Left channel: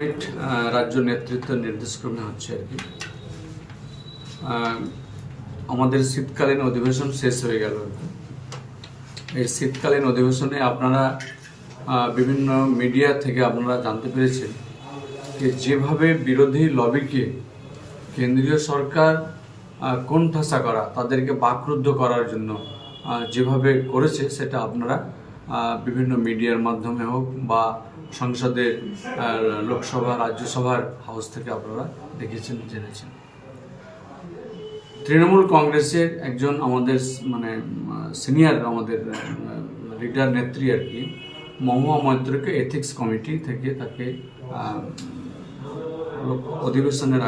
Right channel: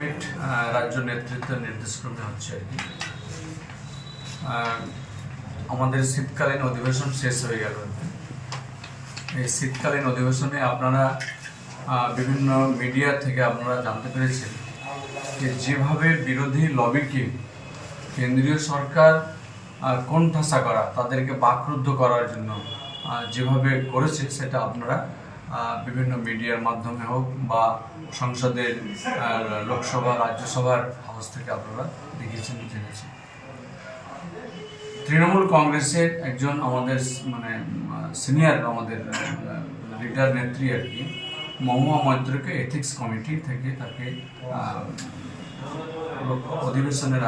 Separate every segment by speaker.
Speaker 1: আহ, রাজ্য নেতৃত্বের নির্দেশক্রমে হচ্ছে আর কি। আমাদের শীতকালীন অধিবেশন শেষ হয়ে গেল এই শীতকালীন অধিবেশনে আপনারা বিভিন্ন মিডিয়া থেকে আপনারা জানতে পেরেছেন যে যেভাবে বিরোধী লবিকে কেন্দ্রীয় সরকার কোণঠাসা করা তাদেরকে বাকরুদ্ধ করার জন্য যেভাবে করেছে সেটা আপনারা বিভিন্ন মিডিয়ার মাধ্যমে হোক বা সংসদের লোকসভা রাজ্যসভার হাউস থেকে আপনারা দেখেছেন জেনেছেন। তৃণমূল কংগ্রেসের একজন আমাদের মানে সিনিয়র আমাদের লিডার নেত্রী আর কি মহুয়া মৈত্রকে এথিক্স কমিটি থেকে তাকে অধিবেশনের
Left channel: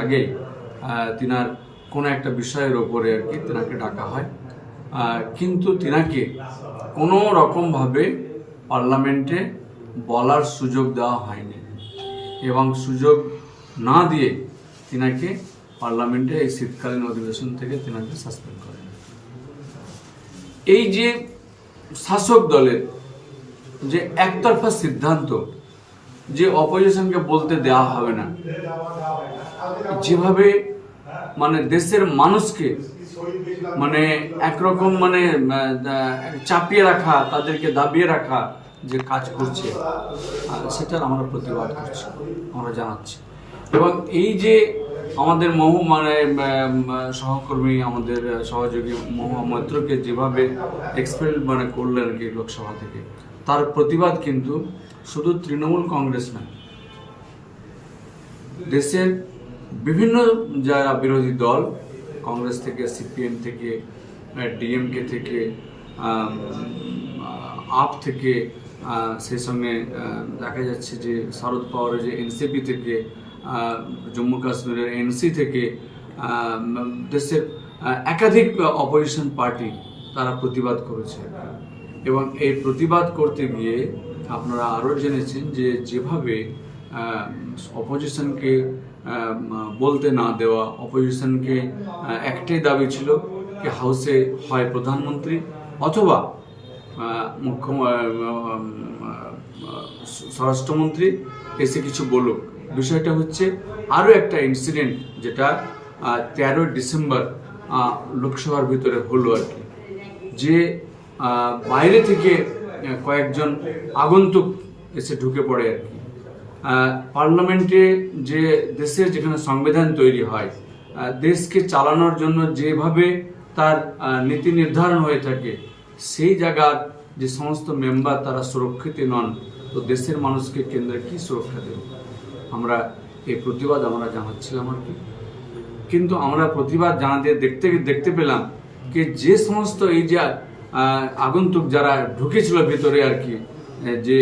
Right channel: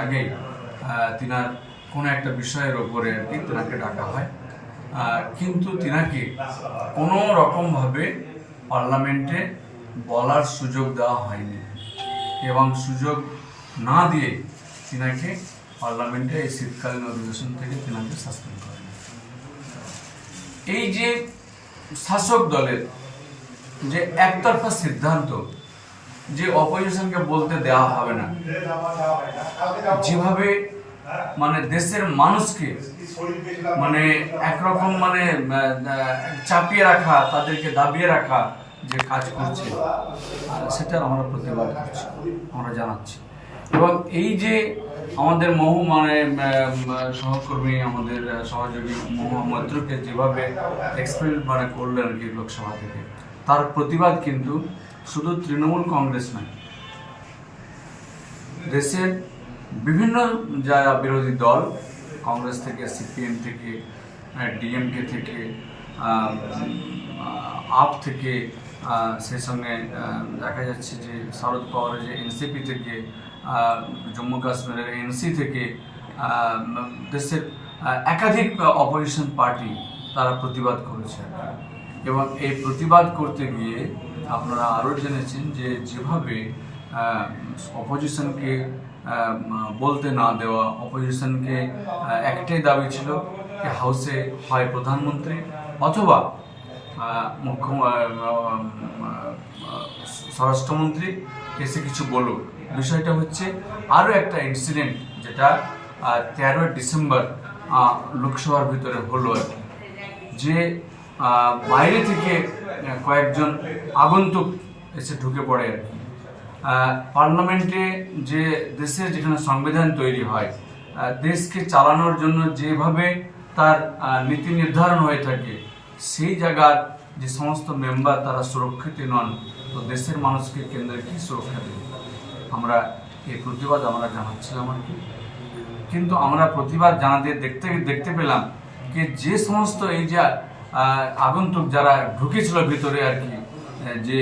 Speaker 1: আহ, তিনার কোনো একটা বিষয়ের ওপরে আর কি তেনাকে ডাকা হয়। কিন্তু তিনাকে কোনো রকমভাবে পার্লামেন্টে বলার সুযোগ দেওয়া হয়নি এবং সুযোগ না দিয়ে তিনাকে পার্লামেন্টে এই শীতকালীন অধিবেশন থেকে তিনাকে সাসপেন্ড করেন। এই যে শাসক দলের যে একতরফা সিদ্ধান্ত, যে অপোজিশনকে বলতে দেওয়া হবে না, যেভাবে মানে দেশের মানুষকে মানে একরকম মানে চাপিয়ে রাখা তাদেরকে দাবিয়ে রাখা যে কাজ করছে। আহ, সেটার আমরা প্রতিবাদ করছি আমরা জানাচ্ছি। এবং এই যে আমাদের মহু মানে সহকর্মী আমাদের সহযোগী মহুয়া মৈত্রকে যেভাবে এক্সপেল মানে করলেন আর কি লোকসভা থেকে তার প্রতিবাদ কিন্তু শুধু তৃণমূল কংগ্রেস নয়। দেশের বিভিন্ন যারা বিরোধী দল, কংগ্রেস থেকে, সিপিএম থেকে ডিএমকে থেকে আপ থেকে সেই সঙ্গে দেখা যাচ্ছে যে শারদ পাওয়ারের যে এনসিপি থেকে জম্মু কাশ্মীরের এনসি থেকে দেশের একাধিক অপোজিশন পার্টি তারা প্রতিবাদ করেছে এবং এই প্রতিবাদ করতে গিয়ে আপনারা আরও জেনেছেন যে যেভাবে অপোজিশনকে বলতে না দেওয়া অপোজিশনকে একটাই দাবি ছিল যে হাউসে হয় প্রধানমন্ত্রী অথবা মুখ্য স্বরাষ্ট্রমন্ত্রী, এসে কিছু বলুক। বিষয়টা হচ্ছে আরও একটা ইনসিডেন্ট যেটা তেরোই ডিসেম্বর লোকসভার ভিতরে হলো আর কি। যে বাইরে থেকে কয়েকজন আগন্তুক এসে ঢুকে পড়ে আর কি। পার্লামেন্টে যে দেশের যেখানে সংবিধান তৈরি হয় দেশকে চালানোর জন্য যেভাবে তার নীতি নির্ধারণ হয়ে থাকে, সেই জায়গার যে সমস্ত মেম্বার তারা সুরক্ষিত নন, তো দেশের মানুষকে কেন্দ্রে কি সুরক্ষা দেবে? আমরা এই প্রতিবাদ আমরা জানাচ্ছিলাম আর কি। কিন্তু আমরা প্রতিবাদ জানাতে দেখতে দেখতে পেলাম যে যে সমস্ত এই যে আগন্তুক যারা ঢুকেছিল ভিতরে আর কি যে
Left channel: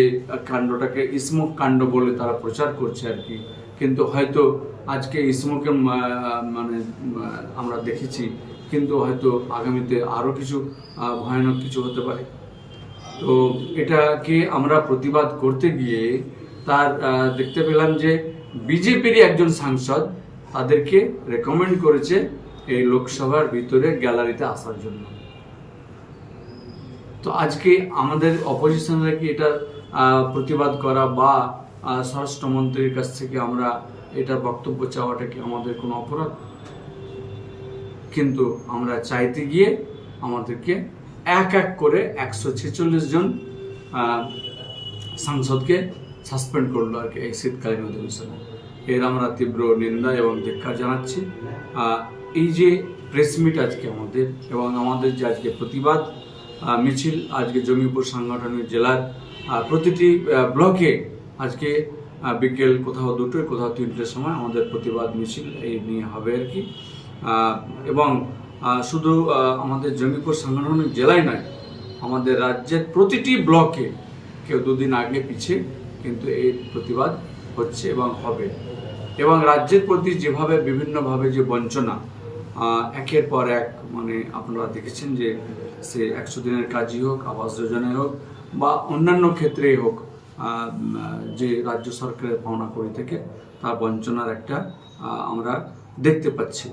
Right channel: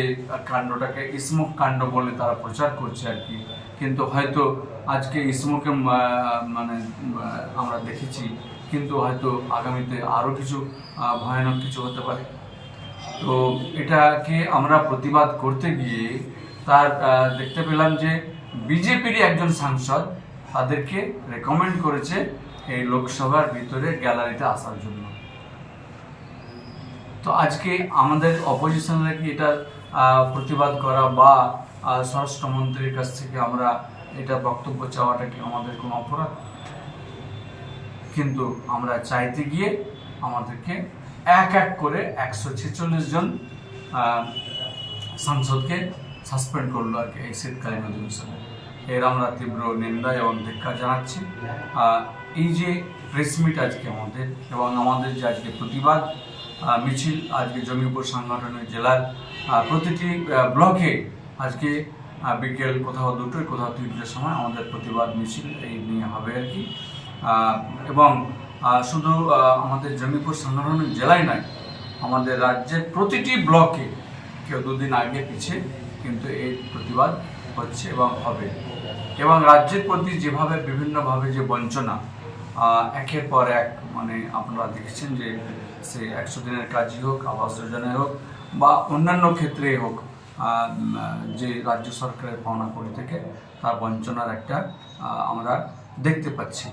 Speaker 1: কাণ্ডটাকে ইসমুক কাণ্ড বলে তারা প্রচার করছে আর কি। কিন্তু হয়তো আজকে ইসমুকে মানে আমরা দেখেছি, কিন্তু হয়তো আগামীতে আরও কিছু ভয়ানক কিছু হতে পারে। তো এটাকে আমরা প্রতিবাদ করতে গিয়ে তার দেখতে পেলাম যে বিজেপিরই একজন সাংসদ তাদেরকে রেকমেন্ড করেছে এই লোকসভার ভিতরে গ্যালারিতে আসার জন্য। তো আজকে আমাদের অপোজিশনরা কি এটা প্রতিবাদ করা বা স্বরাষ্ট্রমন্ত্রীর কাছ থেকে আমরা এটা বক্তব্য চাওয়াটা কি আমাদের কোনো অপরাধ? কিন্তু আমরা চাইতে গিয়ে আমাদেরকে এক এক করে একশো ছেচল্লিশ জন সাংসদকে সাসপেন্ড করল আর কি এই শীতকালীন অধিবেশনে। এর আমরা তীব্র নিন্দা এবং ধিক্ষার জানাচ্ছি। এই যে প্রেস মিট আজকে আমাদের এবং আমাদের যে আজকে প্রতিবাদ মিছিল আজকে জমিপুর সাংগঠনিক জেলার প্রতিটি ব্লকে আজকে বিকেল কোথাও দুটোই কোথাও তিনটের সময় আমাদের প্রতিবাদ মিছিল এই নিয়ে হবে আর কি। এবং শুধু আমাদের জমিপুর সাংগঠনিক জেলায় নয়, আমাদের রাজ্যের প্রতিটি ব্লকে কেউ দুদিন আগে পিছিয়ে কিন্তু এই প্রতিবাদ হচ্ছে এবং হবে। এবং রাজ্যের প্রতি যেভাবে, বিভিন্নভাবে যে বঞ্চনা একের পর এক মানে আপনারা দেখেছেন যে সে একশো দিনের কাজই হোক, আবাস যোজনায় হোক, বা অন্যান্য ক্ষেত্রেই হোক যে রাজ্য সরকারের পাওনা করি থেকে, তার বঞ্চনার একটা আমরা দেখতে পাচ্ছি।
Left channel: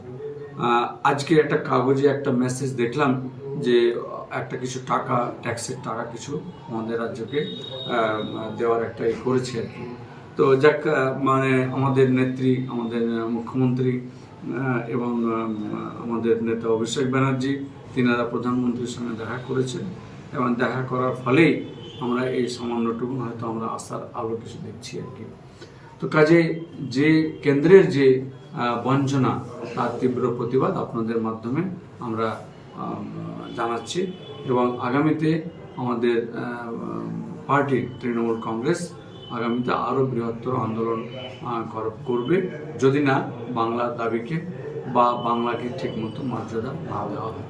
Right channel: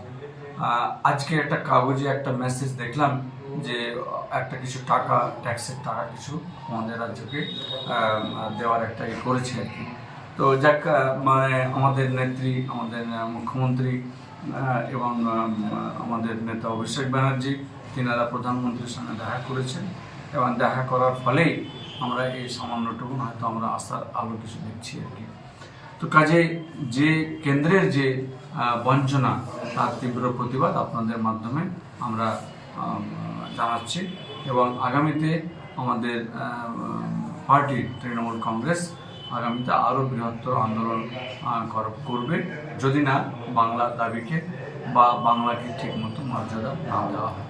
Speaker 1: আজকে একটা কাগজে একটা মেসেজ দেখলাম যে একটা কিছু টাকা ট্যাক্সের টাকা কিছু আমাদের রাজ্যকে দেওয়ার একটা ই করেছে আর কি। তো যাক মানে আমাদের নেত্রী, আমাদের মুখ্যমন্ত্রী এবং আমাদের নেতা অভিষেক ব্যানার্জি, তিনারা প্রধানমন্ত্রীর সঙ্গে দেখা করেছেন এবং দেখা করার ফলেই আমরা এই সামান্যটুকু হয়তো আমরা আশার আলো কিছু দেখছি আর কি। তো কাজে যে কেন্দ্রের যে বঞ্চনা, তার তীব্র প্রতিবাদ আপনাদের মাধ্যমে আমরা জানাচ্ছি এবং আগামীতে আমাদের পার্টি, তৃণমূল কংগ্রেস আগামীতে আরও বৃহত্তর আন্দোলন করবে। যদি না, বাংলার দাবিকে বা বাংলাকে ঠিকমতো মর্যাদা না দেওয়া হয়।